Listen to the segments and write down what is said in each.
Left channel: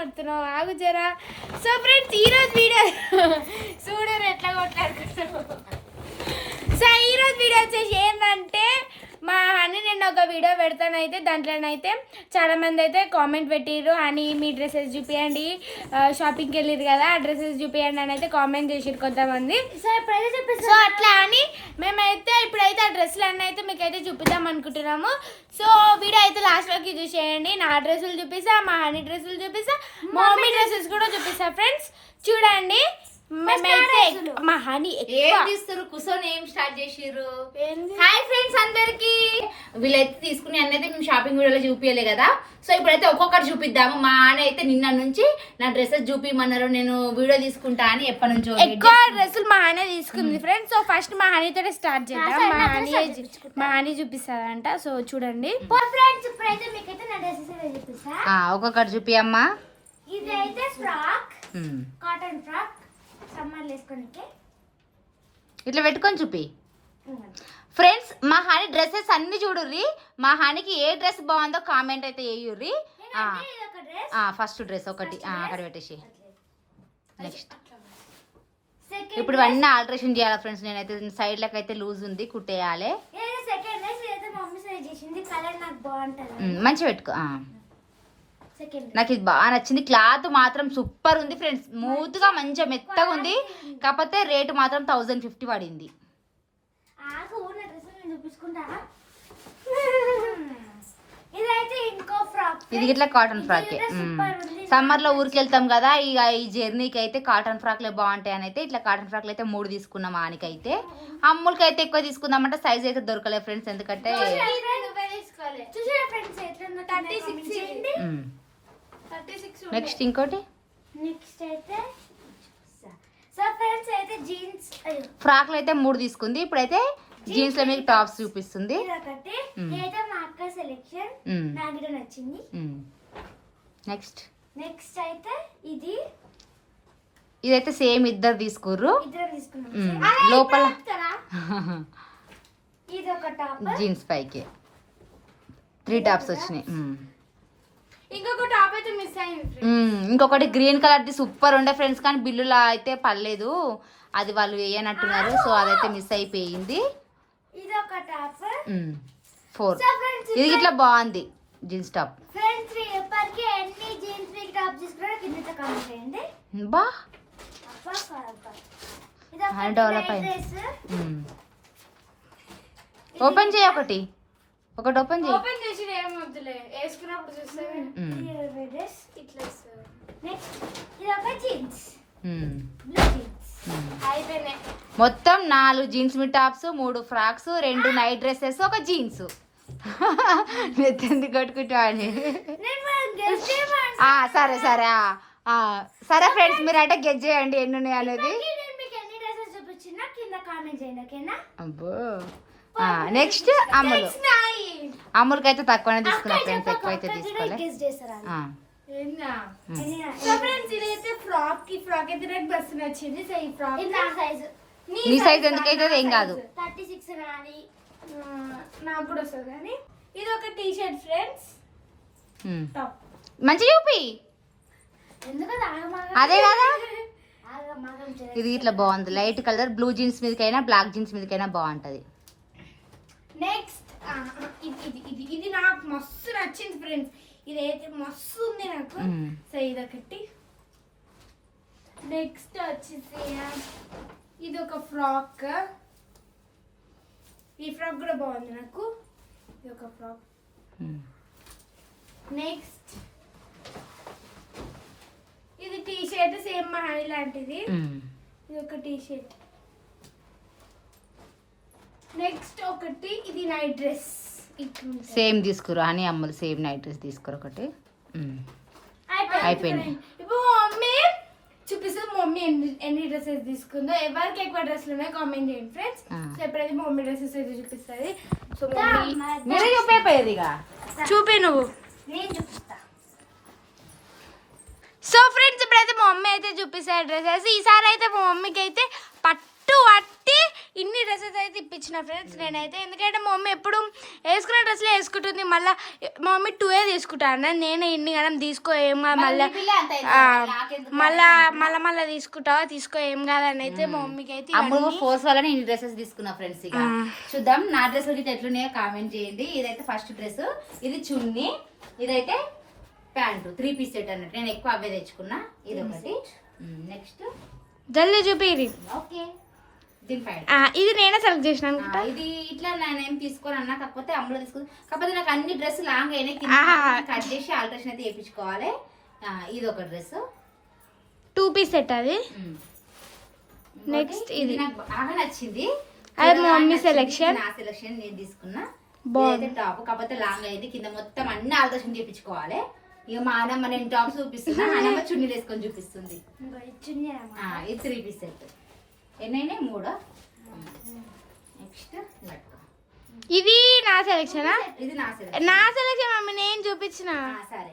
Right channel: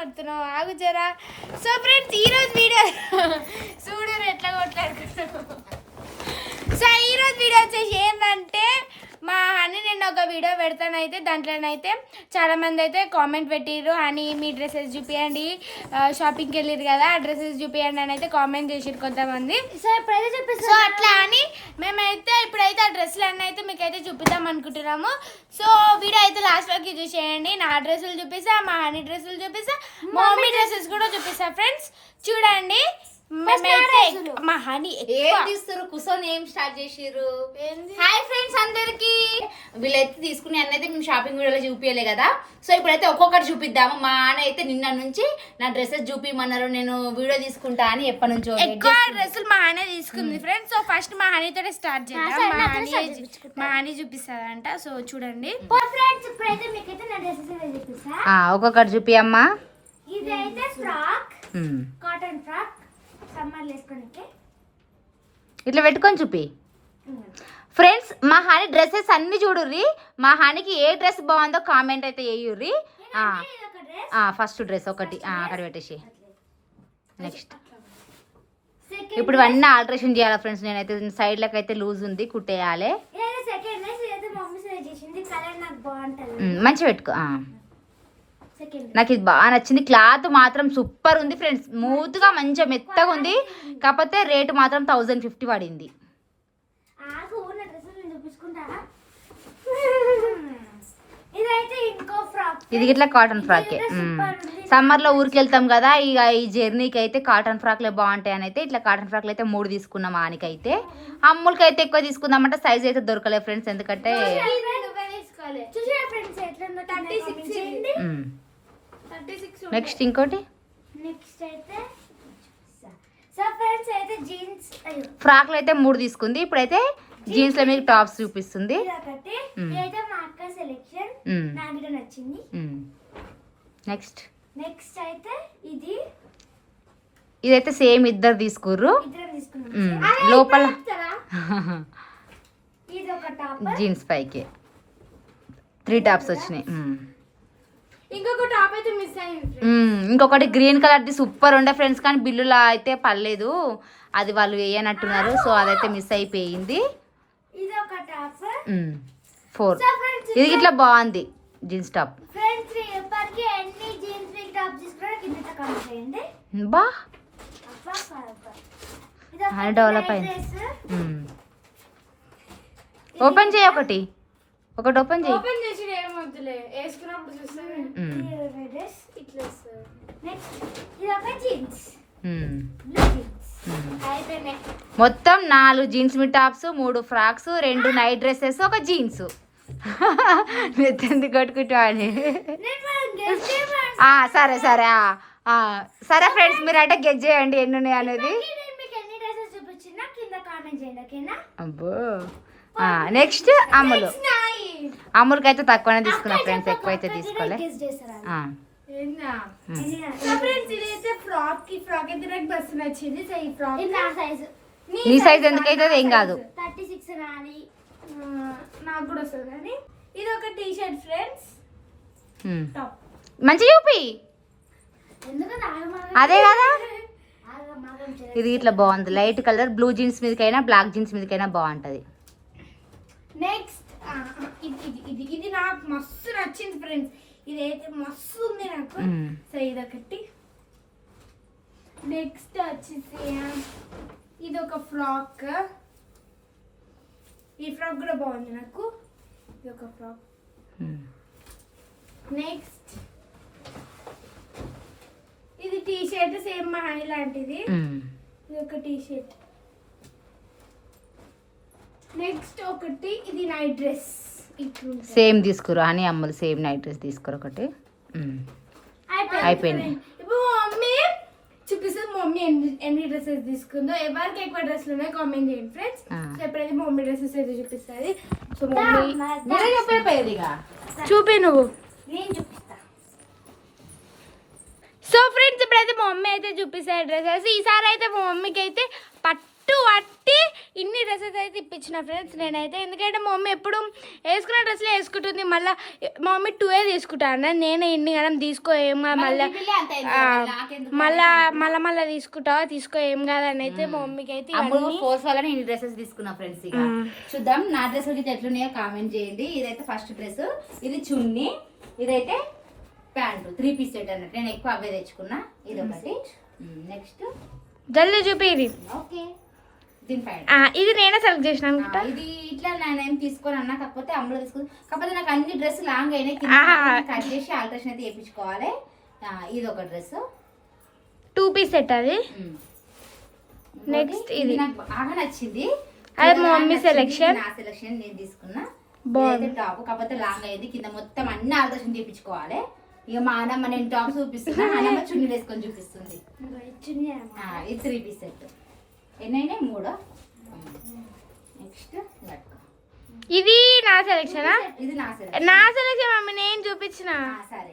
కొడుతున్నావు ఆగు జరా. సో ఫ్రెండ్స్ ఈరోజు వీడియో చూడు ఎట్లా కొట్టారు. సో ఈరోజు వీడియో వచ్చేసి ఏంటంటే మా హనీ నేను ఒక వీడియో పెడతానైతే దాంట్లోనైతే చాలామంది అయితే కామెంట్ పెట్టిర్రు, హనీ మీ డ్రెస్సెస్ చూపించండి, షాపింగ్కి వెళ్ళిరు కదా ఆ డ్రెస్సెస్ చూపించండి అని అయితే కామెంట్ చేసిరు కొంతమంది. సో అట్లా అని మేమైతే ఇప్పుడైతే ఆ డ్రెస్సులు అన్నీ అయితే మీకు అయితే చూపిద్దాం అనుకుంటున్నాము. సో వీడియో అయితే లాస్ట్ వరకు చూసేయండి. నా డ్రెస్సులు చూపిస్తా, మా హనీ డ్రెస్సులు చూపిస్తా, మా మమ్మీ డ్రెస్సెస్ కూడా చూపిస్తా. ఫ్రెండ్స్ చూడండి మా హనీ కూర్చొని ఏం స్టార్ట్ చేసిర్రు. హాయ్ ఫ్రెండ్స్ అందరికి. వీళ్ళైతే తీసుకుని అన్నైతే మేము షాపింగ్ వీడియోలో చూపించలే కదా. సో ఇప్పుడైతే ఒక్కొక్కటి చూపిద్దాము. మా ఆన అయితే నిన్న నుంచి నా డ్రెస్సెస్ చూపిమన్నారు, నేను వీడియో తీసుకుంటా అని ఎప్పటి నుంచో ఎక్కువ డ్రెస్సులు మా హనీ తీసుకుంది ఫ్రెండ్స్. సో ఫస్ట్ మా హనీతోనే స్టార్ట్ చేద్దాం. మా హనీ చూపిస్తారంట. సో చూడండి ఒక్కొక్కటి చూపి అమ్మా. ఇదైతే ఫ్రాక్, కాటన్ ఫ్రాక్, సమ్మర్ వేసుకోనికి ఇట్లా పెట్టుకొని చూపి. ఫ్రెండ్స్ మా హాని డ్రెస్సెస్ అన్ని చూడుర్రి. మా హానికి ఏ డ్రెస్ బాగుందో కామెంట్ అయితే వేయుర్రి. ఫస్ట్ డ్రెస్ ఒకటి అక్కడ పెట్టేసి నెక్స్ట్ ఇప్పుడు ఇవన్నీ ఆల్టరేషన్ చేయాలి ఫ్రెండ్స్. నేనైతే సైడ్ లకు అయితే లూజ్ ఉంది, కుట్టేయాలి. మంచిగా పెట్టుకో. నాకు ఇది బాగా నచ్చింది. క్లాత్ మాత్రం సూపర్ ఉంది ఫ్రెండ్స్, స్మూత్ గా మంచిగా మెత్తగా ఉంది. కాకపోతే రేటు మాత్రం 1050 పడింది. ఇది ఇట్లా కాటన్ ఫ్రాక్. సమ్మర్ లో ఊరికి వెళ్తాం కదా, ఇక ఈ జర్నీకి అయితే కాటన్ ఫ్రాక్లే బాగుంటాయి అని అయితే ఇట్లా కాటన్ ఫ్రాక్లు అయితే 3 తీసుకున్నాం. ఆనికైతే అమ్ములకి అయితే ఎక్కువ తీసుకుందాం అంటే సైజ్ అయితే దొరకలేదు ఫ్రెండ్స్. ఎందుకంటే నెక్స్ట్ ఇంకోటి ఫ్రాక్లు అయితే 3 తీసుకుంది. ఇప్పుడైతే జీన్స్ లో మీకు టాప్స్ చూపిస్తుంది. నెక్స్ట్ అయితే ఇదైతే సేమ్ ఇద్దరు తీసుకుర్రు. లోపల జీన్స్ పైకి 3 టాప్స్ వచ్చినాయి. ఇంకొక టాప్ అయితే మిస్ అయింది. ఇంకొకటి గ్రీన్ కలర్ ది సూపర్ ఉండే ఫ్రెండ్స్, కానీ బిల్లులా అయితే పర్లేదు, అది వాళ్ళు వేయనట్టున్నారు. సో అదైతే మిస్ అయిపోయింది. ఇది ఒక టాప్ 4. ఇది ఇట్లా బాగుంది జీన్స్ టాప్. బా డెవలప్ అయింది. ఓపెన్ చేయి ఒకటి ఓపెన్ చేయి. ఓపెన్ చేసి ఏం వద్దులే, వేసుకున్నప్పుడు చూస్తాను. మొత్తం 4 జీన్స్ మీ టాప్స్, 3 ఫ్రాక్స్, 2 నైట్ డ్రెస్సెస్, ఒక జీన్స్. ఎందుకు కట్టుకుంటా అని. సరే సరే సరే ఫ్రెండ్స్, మీరు అంటే గెట్ చేయండి ఎన్ని ఉన్నాయి అనేది. అబ్బో నెక్స్ట్ అమ్ములకి అయితే తక్కువనే తీసుకున్నా ఫ్రెండ్స్, ఎక్కువ అయితే తీసుకోలే. నీ సైజ్ ఎందుకైతే ఏం కాదు. నాకు కూడా వస్తుంది కానీ ఇది ఒక టీ షర్ట్ ఫ్రెండ్స్. మంచిగా చూపి. అదే కదా, ఇది ఇట్లా బాగుంది. లైట్ కలర్ బ్లూ జీన్స్ మీదకైనా బ్లాక్ జీన్స్ మీదకైనా బాగుంటది. నెక్స్ట్ ఇది నాకు మస్తు నచ్చింది ఫ్రెండ్స్. ఇదైతే మస్తు ఉంది నాకు. సో ఇదొకటి. నెక్స్ట్ వచ్చేసి ఇది ఒక ఫ్రాక్. ఈ ఫ్రాక్ కూడా బాగుంది నాకు. ఇది ఒక ఫ్రాక్. నెక్స్ట్ ఇది టీ షర్ట్, సేమ్ మా హనీ లాంటిది. ఇది ఒక టీ షర్ట్. నెక్స్ట్ ఒకటి ఇది నైట్ డ్రెస్. సేమ్ తీసుకురా అని అమ్మలు సేమ్ నైట్ డ్రెస్ తీసుకురా ఒకటి. అయిపోయింది. ఇప్పుడు మమ్మీ చూపిస్తుంది మమ్మీ ఎన్ని డ్రెస్సెస్ తీసుకుందో. ఎవరికి ఎక్కువ డ్రెస్లు ఉన్నాయో కామెంట్ చేయండి ఫ్రెండ్స్. సో ఎప్పుడైతే మమ్మీ డ్రెస్సెస్ అయితే చూపిస్తుంది. సో చూపి నువ్వు. సో ఫ్రెండ్స్ ఇప్పుడైతే మా మమ్మీ అయితే చూపిస్తాయి డ్రెస్సెస్. ఈసారి అయితే మా మమ్మీకి అయితే పట్టు పట్టి ఇన్ని డ్రెస్సెస్ అయితే ఇప్పించిన ఫ్రెండ్స్ నేనైతే. ఎందుకంటే మా మమ్మీ ఎప్పుడు వేసుకున్న డ్రెస్లే వేసుకుంటుంది. మళ్ళీ మా మమ్మీ 2 తీసుకుంటాను, నేను ఇన్ని గణం తీసుకో ఏం కాదు, మళ్ళీ తీసుకో ఏం కాదని అయితే మా మమ్మీకి అయితే ఫోర్స్ వల్ల నేను డ్రెస్సెస్ తీసుకున్నా ఫ్రెండ్స్. ఇక చూద్దాం నా డ్రెస్ గిట్ల ఎట్లున్నాయో కామెంట్ చేయండి. ఇదైతే ఫస్ట్ డ్రెస్, ఇది చున్నీ, ఇదైతే ప్యాంటు, 3 పీస్ సెట్ అన్నట్టు. నేను ఎక్కువ అవే తెచ్చుకున్నా. ఇది ఒకటి. నెక్స్ట్ జల్దీ చూపిరి. ఓకే, దీనిపైన ఇది నేనే సెలెక్ట్ చేసిన అనుకుంటా. ఇది ఇట్లా నేను తీసుకొని అన్నా, కాకపోతే అమ్ములో తీసుకుని, కాకపోతే నాకు అన్ని డ్రెస్ లాంగ్ అయినాయి, కట్ చేసి ఆల్టరేషన్ అయితే వేయించుకోవాలి. ఇది ఒక డ్రెస్ 2 పీస్ సెట్. అది నెక్స్ట్ ఇది నాకు బాగా నచ్చింది. అది మా మమ్మీ సెలెక్షన్. నా సెలెక్షన్ నేను తీసుకున్నా. బాగుంది టాప్, కాకపోతే లాంగ్ అయింది, కింద మొత్తం అన్ని ఆల్టరేషన్ చేయించుకోవాలి. ఇక మా అన్నమ్మ నేను టాప్ చూపిస్తున్నా, అన్నమ్మ చున్నీలు వేసుకొని చూపిస్తుంది. ఇది 3 పీస్ సెట్. ఎన్నైనా 3. నెక్స్ట్ ఇది నా సెలెక్షనా? ఇది నా సెలెక్షన్ మమ్మీ, నేను చూపించిన. సరే,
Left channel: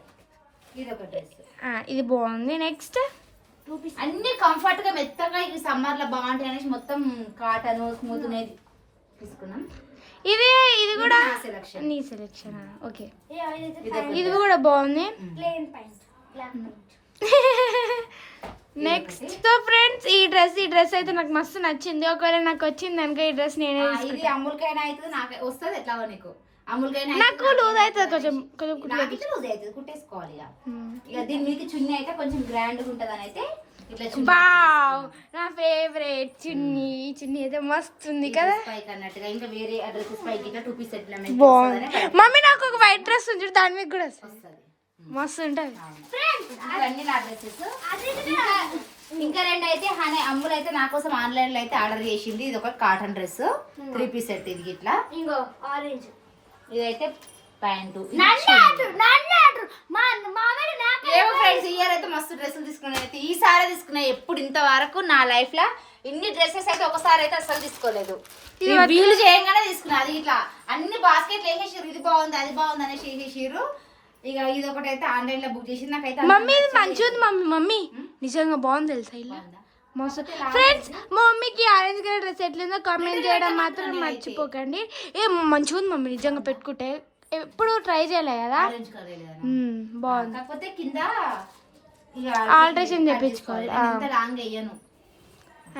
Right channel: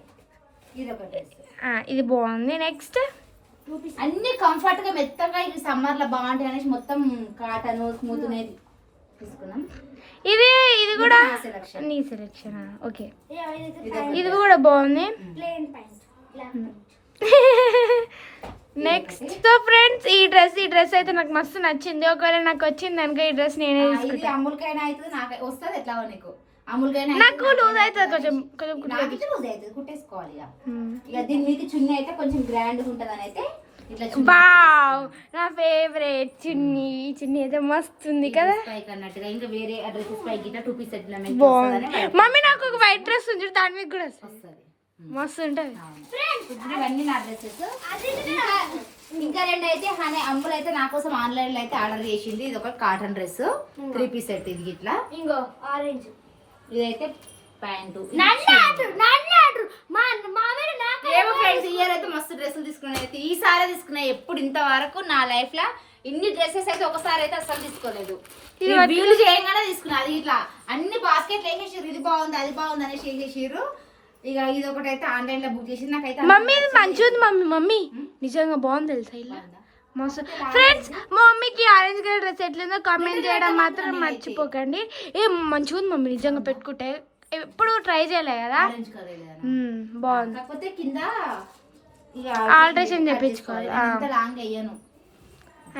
ఇది ఒక డ్రెస్. ఇది బాగుంది. నెక్స్ట్ అన్ని కంఫర్ట్ గా మెత్తగా, ఇది సమ్మర్ లో బాగుంటాయి అనేసి మొత్తం కాటన్ స్మూత్ అనేది తీసుకున్నాం. ఇది కూడా నీ సెలెక్షన్. ఓకే, ఇది కూడా బాగుంది. నెక్స్ట్ సో ఫ్రెండ్స్, ఈ డ్రెస్ అయితే నాకు మస్తు నచ్చింది. ఒకవేళ నాకు వచ్చింది అనుకో ఈ డ్రెస్ నేనే తీసుకుంటా. అమ్ములకైనా అయితే నాకు వస్తుంది. ఎట్లా నీకు అమ్ములకైనా నాకు లూజ్ అవుతుంది, కొంచెం లూజ్ అవుతుంది, కుట్టేసుకోవాలి. ఇక దీని మీద చున్నీ అయితే కొంచెం గ్రాండ్ గా ఉంటది అని అయితే వావ్, నా ఫేవరెట్ చున్నీ. ఈ చున్నీ అయితే మస్తు ఉంది కదా, పైకి అన్నట్టుగా. ఇంకా వేరే డ్రెస్సెస్ పైకి 2 పీస్ సెట్ బాగుంది. మమ్మీ నాకు ఒక వైట్ డ్రెస్ ఉంది, దాని మీద కూడా వస్తుంది, మస్తు ఉంటుంది. ఇవన్నీ నా డ్రెస్సెస్. ఇంకా 2 అయితే అమ్ములు అయితే నా కోసం ఆన్లైన్ లో అయితే ఆర్డర్ చేసింది. ఇది ఒక కాటన్ డ్రెస్ 3 పీస్ సెట్. ఇది ఇట్లా ఇంకో ఆరెంజ్. ఇదైతే ప్యాంటు. ఇయర్ అయితే మస్తు డ్రెస్సులు తీసుకున్నాయి. అయితే ఈసారి తీసుకున్నాయి. ఎప్పుడు ఇంతవరకు నా లైఫ్ లో ఇన్ని డ్రెస్సెస్ అయితే ఒకసారి అయితే అసలు తీసుకోలేదు. వీలు చేయగానే తీసుకున్నా. అది ఇట్లా అన్ని బాస్కెట్లు వేసేసారు, ఇది బాగుంది అది బాగుంది అనేసి వేసేసారు. ఇక ఇది ఒకటి అయితే ఆన్లైన్ లో బుక్ చేసి నాకైతే మమ్మీ ఇది మంచిగా ఉంది. మమ్మీ నిజంగా బాగుంది తెలుసా ఇలా మస్తు. ఫ్రెండ్స్, మా మమ్మీకి ఆరెంజ్ కలర్ డ్రెస్ ఎట్లుందో కామెంట్ చేయడం మాత్రం మర్చిపోకండి. మంచిగా ఉంది మమ్మీ, నిజంగా పెట్టుకుంటే. ఎప్పుడు ట్రై చేయలే కదా, బాగుంది. కాకపోతే కింద ఆల్టరేషన్ చేయించుకోవాలి, లాంగ్ అయ్యాను,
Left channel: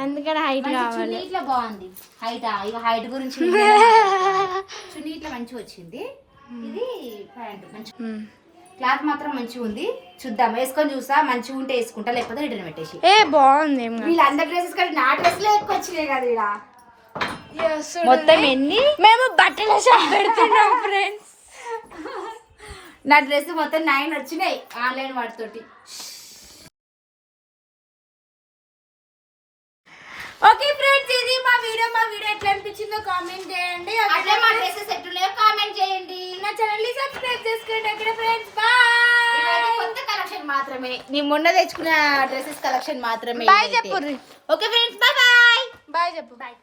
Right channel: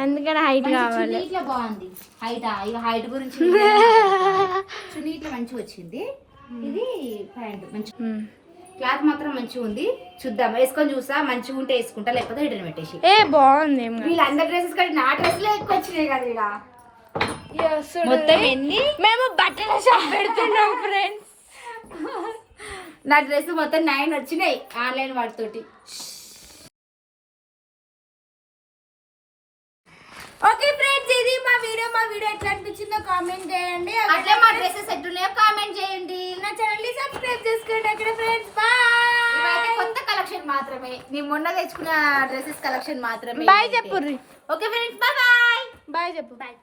అందుకని హైట్ కావాలి. ఇట్లా బాగుంది హైట్. ఇక హైట్ గురించి చున్నీ ఇట్లా మంచిగా వచ్చింది. ఇది ప్యాంట్ మంచి, క్లాత్ మాత్రం మంచిగా ఉంది. చూద్దాం, వేసుకొని చూసా, మంచిగా ఉంటే వేసుకుంటా, లేకపోతే రిటర్న్ పెట్టేసి. బాగుంది. వీళ్ళందరి డ్రెస్సెస్ కానీ నా డ్రెస్లే ఎక్కువ వచ్చినాయి కదా ఇక్కడ. మొత్తం ఎన్ని మేము బట్టల షాప్ పెడుతున్నాం ఫ్రెండ్స్. నా డ్రెస్ మొత్తం 9 వచ్చినాయి ఆన్లైన్ వాటితోటి. ఓకే ఫ్రెండ్స్, ఇది మా వీడియో ఎట్లా అనిపించిందో కామెంట్ చేయండి. అట్లా మా డ్రెస్సెస్ ఎట్లున్నాయో కామెంట్ చేయండి. నా ఛానల్ ని సబ్స్క్రైబ్ చేసుకోండి. అక్కడ ఫ్రెండ్స్ బాయ్. కొత్త కలెక్షన్ మాత్రమే, నీ మొన్న తెచ్చుకున్న డ్రెస్సెస్ కలెక్షన్ మాత్రమే. బాయ్ చెప్పుర్రి. Okay friends, bye bye. Bye చెప్పు. బాయ్.